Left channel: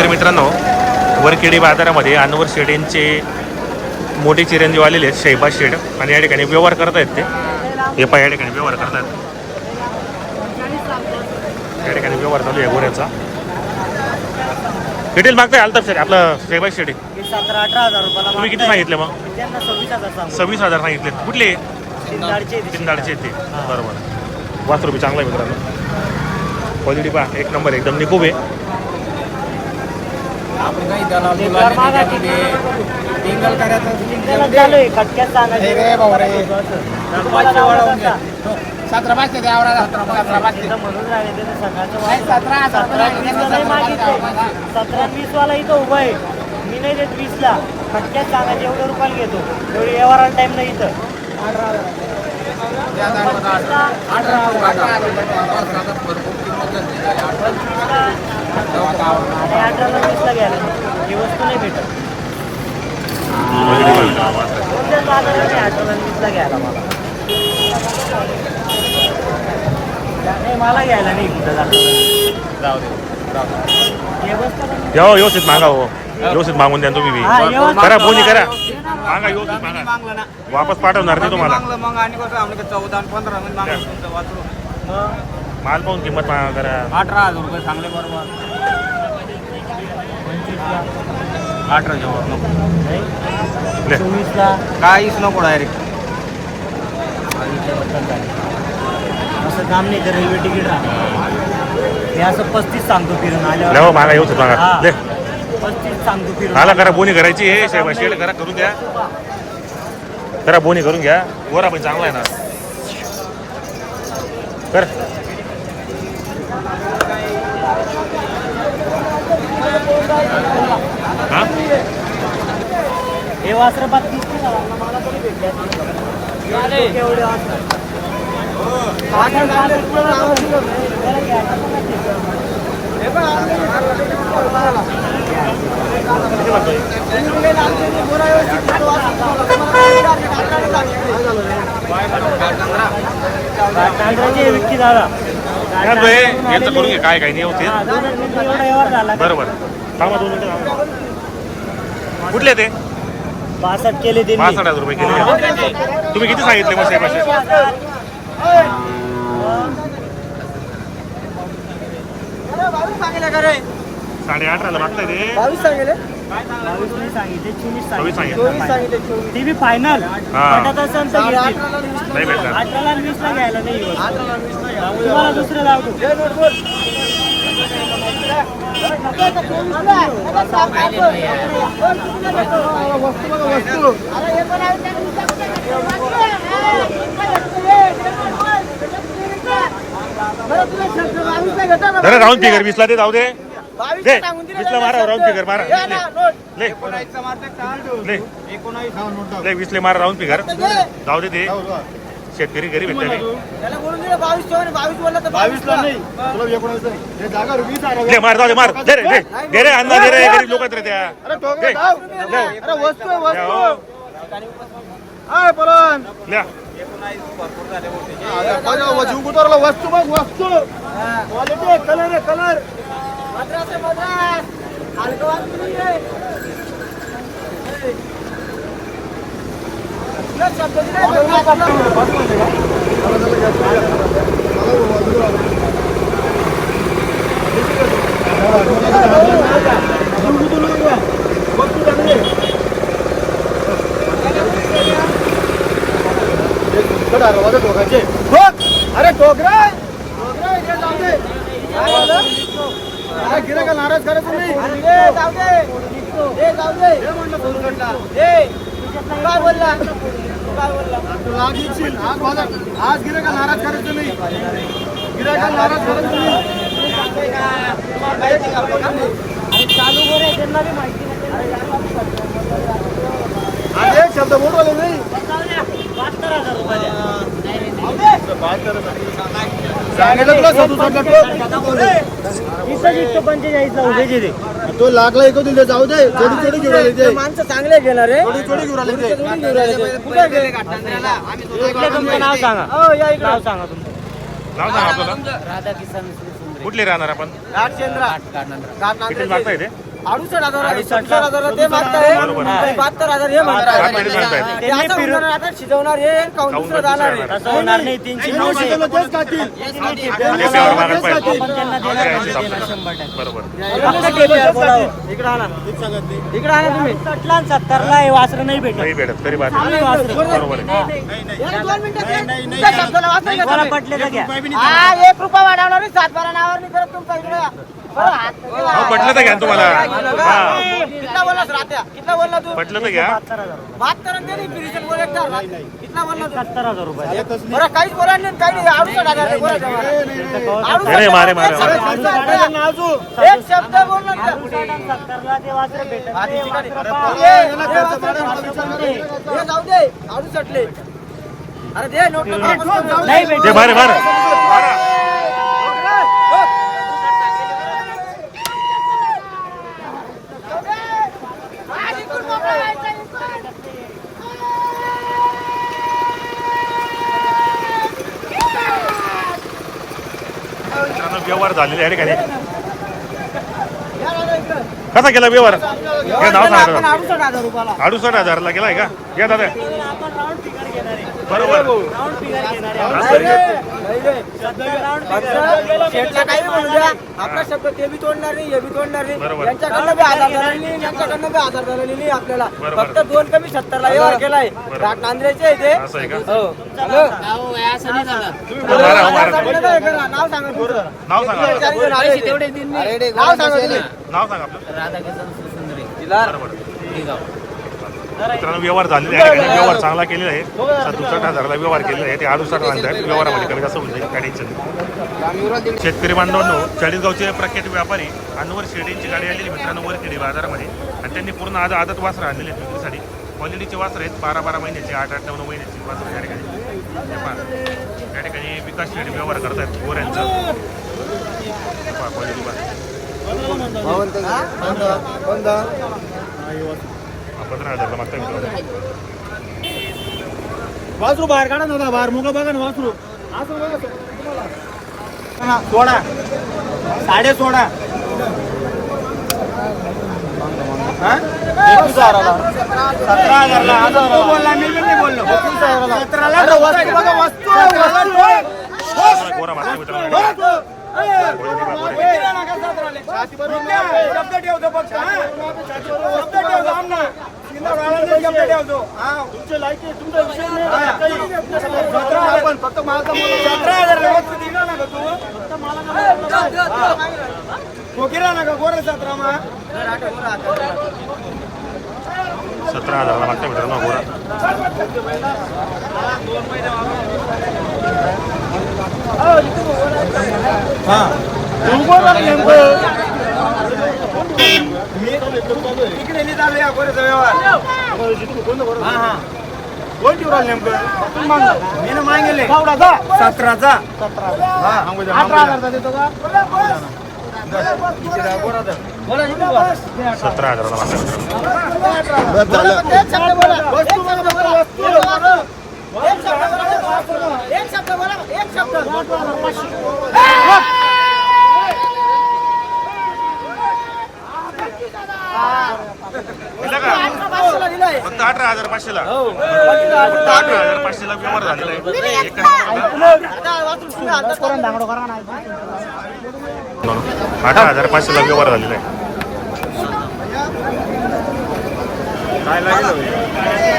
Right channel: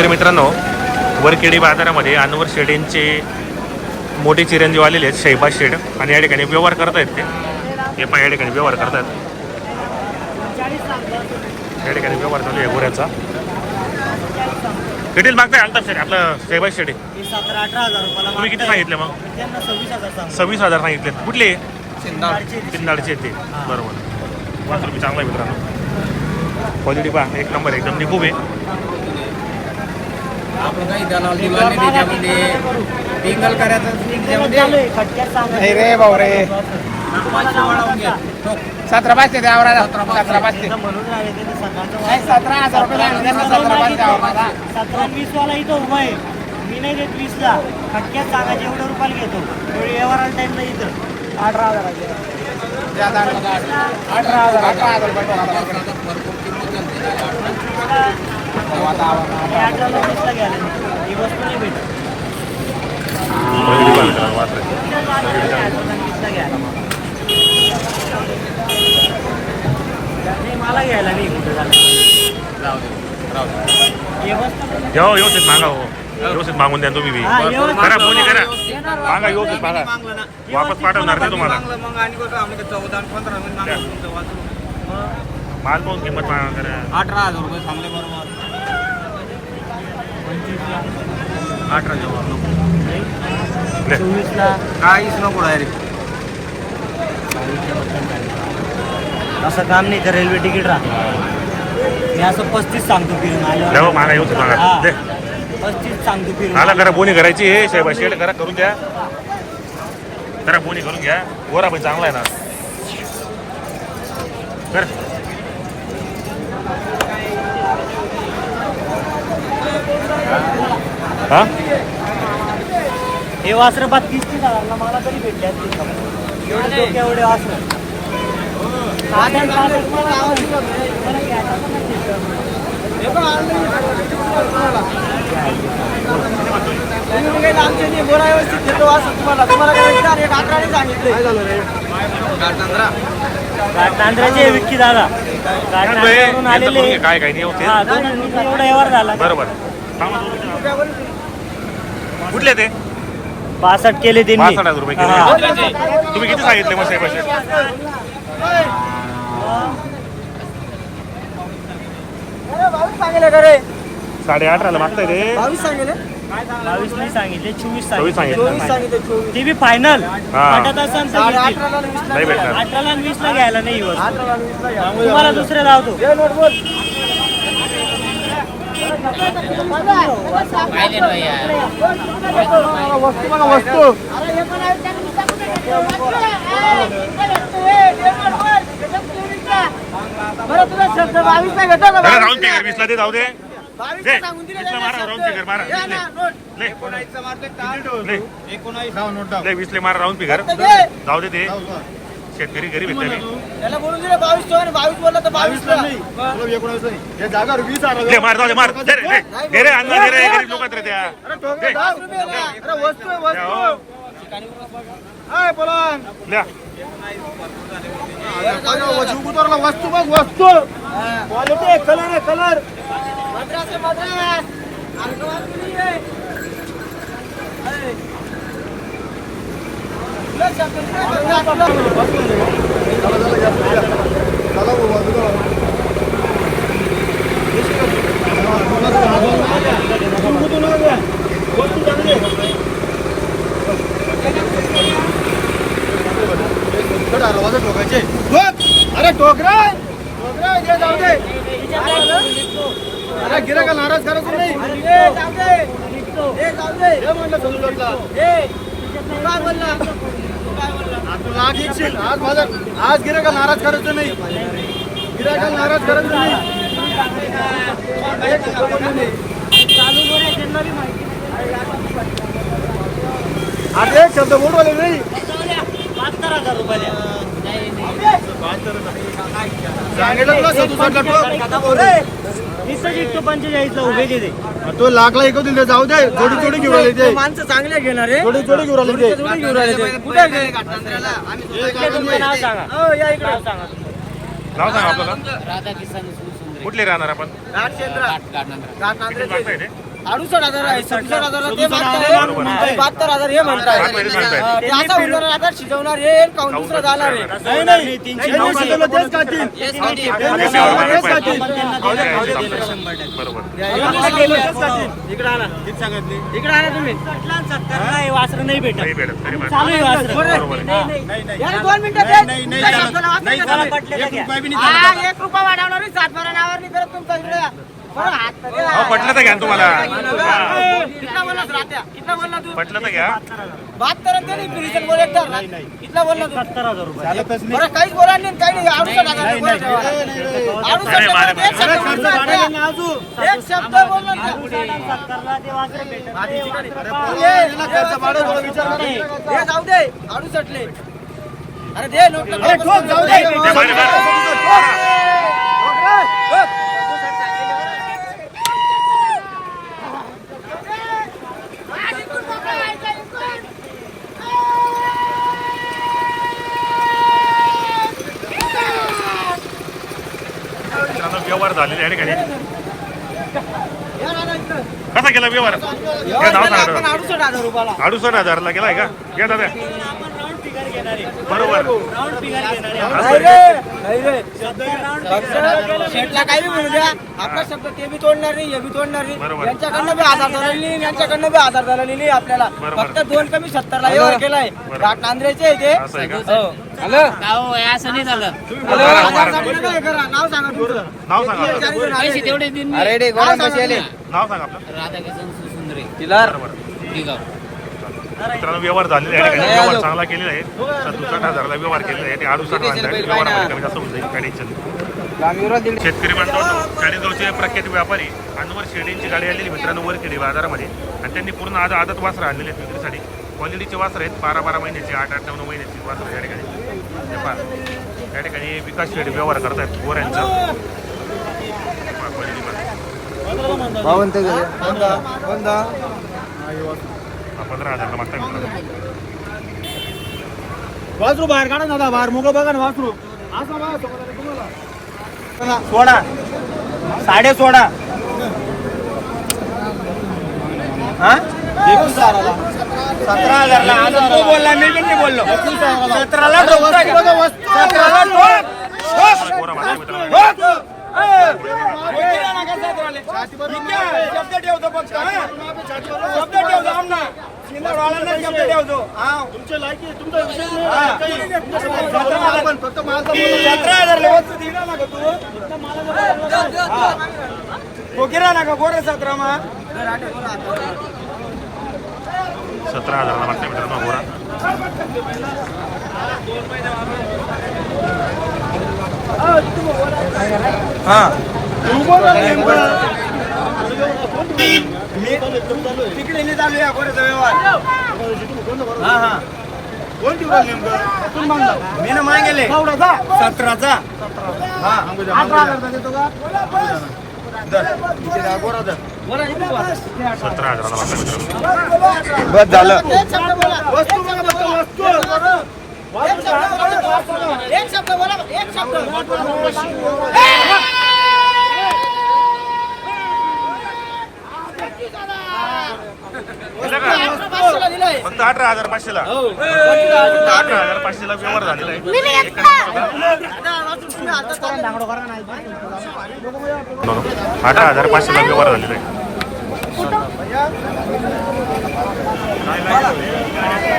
शेतकरी मित्रांनो वरखेडी बाजारामध्ये अनवर शेड यांचे मोठे चिरंजीव आलेले आहेत शैबाज शेड. आणि या ठिकाणी व्यवहार करत आहेत ते. हे पहा या ठिकाणी व्यवहार करतात या ठिकाणी व्यवहार चालू आहे गोऱ्याचा. किती मागताय अल्ताफ शेड? आपलं शैबाज शेड सतरा अठरा हजार रुपयाला तुम्ही किती. सांगितले मग? सव्वीस हजार सांगू. सव्वीस हजार सांगितले. कुठले? शिंदाडचे तिंदाडचे ते. बरोबर. पाच रुपये चांगला आहे मित्रांनो. क्वालिटी पहा एक नंबर एकदम निकोब आहे. आपण काही दलाल दुलाल नाही त्याच्यामध्ये टिंगल करायचं हे रे बाबा रे. पैसे वाढवून घ्या सतरा पाचशे द्या आवरा. सतरा पाचशे सतरा हजार वीस सतरा पाचशे. सतरा वीस वाला इथं उभा आहे मी नाही देत वीसला खटक्यात सांगा जेवढे रुपयाला घेतो एवढे व्यवहाराला टाइम नाही इथं अठरा हजार. अठरा हजार, अठरा हजार रुपये टोला, अठरा हजार. भरपूर किंमत झाली. अठरा. तेव्हा आता आवरा. आणि अठराला वीसला घ्यायला नाही. ही वस्तू नाही भेटत. क्वालिटी पहा मित्रांनो वासराची क्वालिटी चांगली अठराला वीसला घ्यायला मला. नाही मला घ्यायला नाही कुठं जाऊ बसतं पण या हो, व्यवस्थित मागा हो. व्यवस्थित मागून द्या तुम्ही बी. हा, व्यवस्थित करा बोनी करा. मागा. व्यवस्थित मागा. वापस पाठवणार नाही तुम्हाला. मग आणि कसं आपलं चौदा पंधरा द्या. माल पाहून किंमत मागा करा अठरा हजार रुपये चांगले बरोबर. पंचवीसला. अठरा जवळ द्या. चोवीसला काहीच नको डायरेक्ट असं काम नाही तर रेल्वे तिकीट राहतं मी असं पस्तीस सांगतो फिरून हो, आल्यावर मागा व्यवस्थित मागा हा. पस्तीस सांगतो फिरून मला करा बोनी करायची हे साहेब शेड करा करून द्या. करा बोनी करून घ्या. गोरा पण चांगला आहे ना. कर हा हे वासर बत्तीस मला तरी भेटले एवढे वासरं. साठ- साठ रुपयाला आवडली हो. बरं घ्या, कसं नाही देत? किती म्हणतोय? तांदळाचे विक्की दादा. काय काय काय नाही होते हा एवढा व्यवहार झाला. बरोबर थांबा दोन मिनिटं थांबा. कुठले ते? पासष्ट केले त्यांनी. पासष्ट हजार रुपये केले. तुम्ही किती सांगितले मग साहेब शेड साडे अठराला मागताय ते. बावीस नाही सांगितले चोवीस चोवीस सांगितले. सांगितले ते बी फायनल हा. असेल तर घेतील. नाही भेटणार. अठराला आणि वीसला घ्यायला नाही ही वस्तू. तुम्हाला दुसरे लावतो. जरा राऊंड फिगर वीसला दे जाऊ दे. दे वीसला मारा राऊंड फिगर शेतकरी गरीब आहेत त्याने दे मार जाऊ दे मार. दे रे दे. दे रे अण्णा दे रे गरीब लोक रे त्या. दे. द्या हो. ल्या वस्तू बघ वस्तू. कलर कलर मद्रास मद्रास वस्तू चांगली अरे टोकरा! टोकरा इकडे जाऊ दे. अरे गिरायका नाराज करायचं नाही. म्हणलं. काय बोलला काय बोलला तू लाग येशील. आज बाजार आज नाराज करायचं नाही गिरायका नाराज करायचं नाही चालू बरं त्यांना बी माहिती अरे शब्द बोलवले नाही बहात्तर हजार रुपये द्या सांगितलं पंचेचाळीसला उभे तिथे तो लागला ऐकू दे जाऊ दे थोडी थोडी घेऊन आली ते माणसं चांगले घेणार रे थोडी थोडी घेऊन आली ते थोडी घेऊन आले ते. कुठे गेले? हे. नाव सांगा. हो, या इकडे. नाव सांगा तुमचं. नाव सांगा आपल्याला राधा किसन सुंदरे. कुठले राहणार आपण ते अडुसष्ट हजार आहे सत्तर हजार ते मागताय बहात्तर हजार हे म्हणताय. हा, आता होणार आता शिजवणार हे काऊन दुसरं जाणार आहे? तीनशे इकडे आणा तुम्ही. हे वासरं नाही भेटत. चालू आहे वासरं. दोन मिनिटं? हा, एक रुपया वाढवणार सात बारा नावावर नाही करत तुमचा इकडे. हो पटलं तर घ्या ना तुम्हाला हा कितना बोलला रात्या कितना बोलला तू पटलं तर घ्या बहात्तर आणि ते नाही रिटर्न बोल एकदा कितना बोलला तू सत्तर हजार रुपये बरं काहीच बोला नाही काही मारे, एक मारे. शब्द बोलला त्या. एक शब्द बोलला त्या. हे जाऊ दे अडुसष्टले अरे दे नोट जाऊ दे दे मारे मारे मारा मित्रांनो व्यवहार झालेले आहे ठिकाणी कसा केला व्यवहार? नाव सांगा आपण अडुसष्ट हजारला केलाय का? घ्या दादा. आपण राऊंड फिगर घेणार आहे. बरोबर. राऊंड फिगर घेणार असं आहे. आहे. फक्त शेटला काही म्हणू द्या. आपला शब्द ते बी तोडणार नाही हे बी तोडणार नाही. बरोबर. यांच्याकडनं बी आधार झाला नाही यांच्याकडनं बी आधार झाला नाही आपल्याला. फक्त दोन कमी सत्तरला व्यवहार केलाय. आहे ते. असं नाही झालं नाव सांगा तुमचं नाव सांगा आपलं पैसे तेवढे दिन मी नाव सांगा तुम्ही. नाव सांगा आपलं राधाकिशन सुंदरे बरोबर दिगाव मित्रांनो व्यवहार झालेले आहे ठिकाणी. व्यवहार चांगला केलेला आहे. सदुसष्ट हजारला व्यवहार केलेला आहे. ते अडुसष्ट हजार व्यवहारामध्ये कमी जास्त होऊन जाईल. काय टेन्शन शेतकरी बांधवांनो चाळीसगावचे प्रख्यात व्यापारी अनवर शेडींची गाडी आलेली मित्रांनो वर केली बाजारामध्ये. आणि त्यांनी पूर्ण आज आदत वासरं आणलेली आहेत विक्रीसाठी क्वालिटीचे वासर आहेत. बारा बारा महिन्याचे आठ आठ नऊ नऊ महिन्याची वासर या ठिकाणी. पहा. या ठिकाणी विकास शेड व्यवहार करतात गोऱ्यांचा. पहा क्वालिटी पहा. पंधरा हजारला मागता मित्रांनो. वासरू बाहेर काढा दादा, बाहेर मुग बघा ना वासरू. सोडा. साडे सोडा. हा? सतरा हजारला आज तो बोलला मी पण नाही बोललो. सतराला वस्तू बघा वस्तू गोरा शब्द ठेवतो फक्त? शब्द ठेवतो आमना सतरा हजार फक्त सतरा हजार वस्तू दिला ना का तू. हा. कोकिरा ना का गोरे सतरा मा सतरा हजाराला मागता मित्रांनो गोरा. हा. नेमकं. मी तिकडे चालू या गोरेचा व्यवहार. हा हा. नेमकं? मी ना मागेले. सतराचा हा. गोरा. सतरा हजाराला मागता मित्रांनो. बस झालं. एक शब्द बोला. एक शब्द दिला का फक्त अठरा हजार पाचशे ला हो. फक्त अठरा हजार पाचशे ला व्यवहार झालेला आहे. अठरा हजार पाचशे ला व्यवहार झालेला आहे.